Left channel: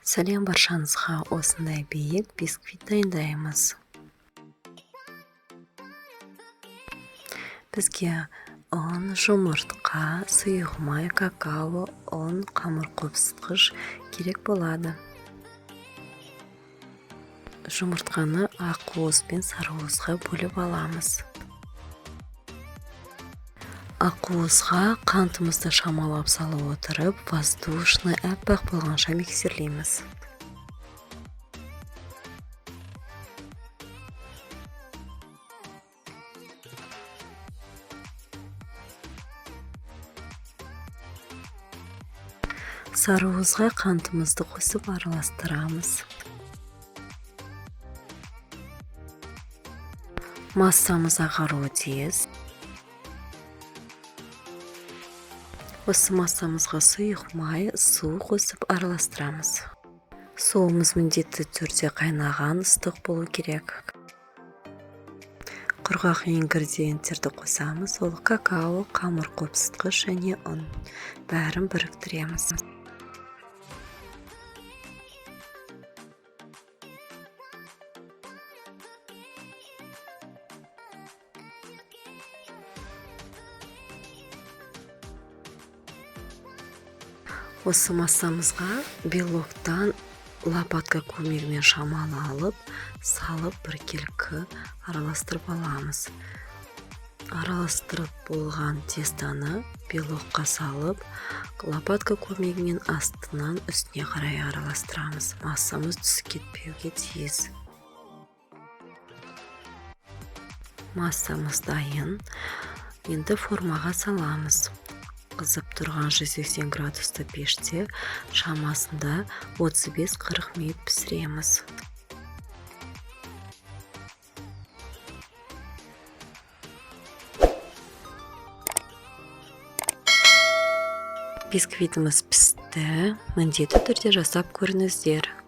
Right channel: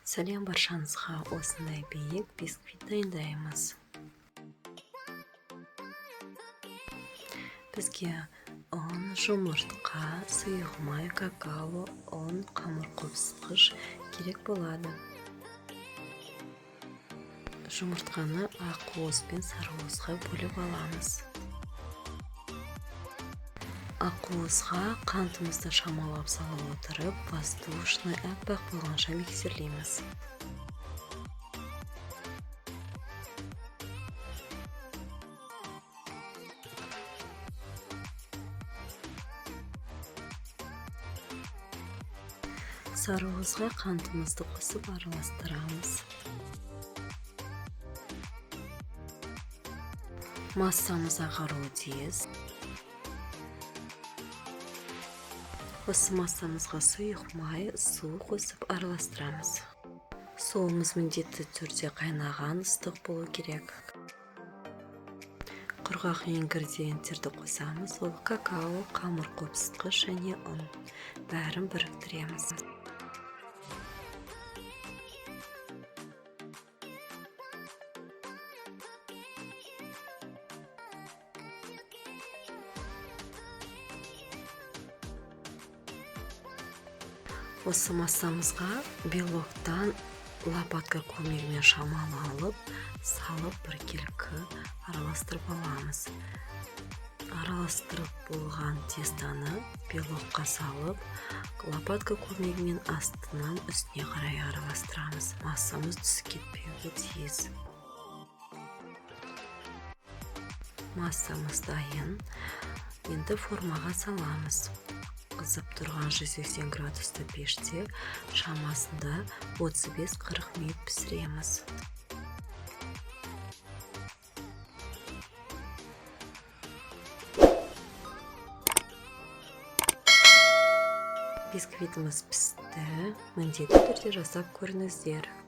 Сәлем баршаңызға, осындай биік бисквит дайындаймыз. Бізге ұн, жұмыртқа, сұйық май, какао, ұн, қамыр қопсытқыш керек болады. Жұмыртқаны ақуыз бен сарыуызға бөліп аламыз. Ақуызға қантымызды шамалап салып отырып, воздушный аппақ болғанша миксерлейміз. Сарыуызға қантымызды қосып араластырамыз. Массамыз ағаруы тиіс. Осы массамызға сұйық май, су қосып араластырамыз. Суымыз міндетті түрде қайнаған, ыстық болу керек. Құрғақ ингредиенттерді қосамыз. Ол какао, қамыр қопсытқыш және ұн. Бәрін біріктіреміз. Осы массамызға белоктан лопатка көмегімен шамалы алып, салып біркелкі араластырып аламыз. Араластырып болған тестаны белокқа салып, лопатка көмегімен астынан үстіне қарай араластырамыз. Массамыз түсіп кетпеуге тиіс. Массамыз дайын. Енді формаға саламыз. Қызып тұрған 180 градуста пеште шамасында 35-40 минут пісіреміз. Бисквитіміз пісті. Міндетті түрде жасап көріңіздер.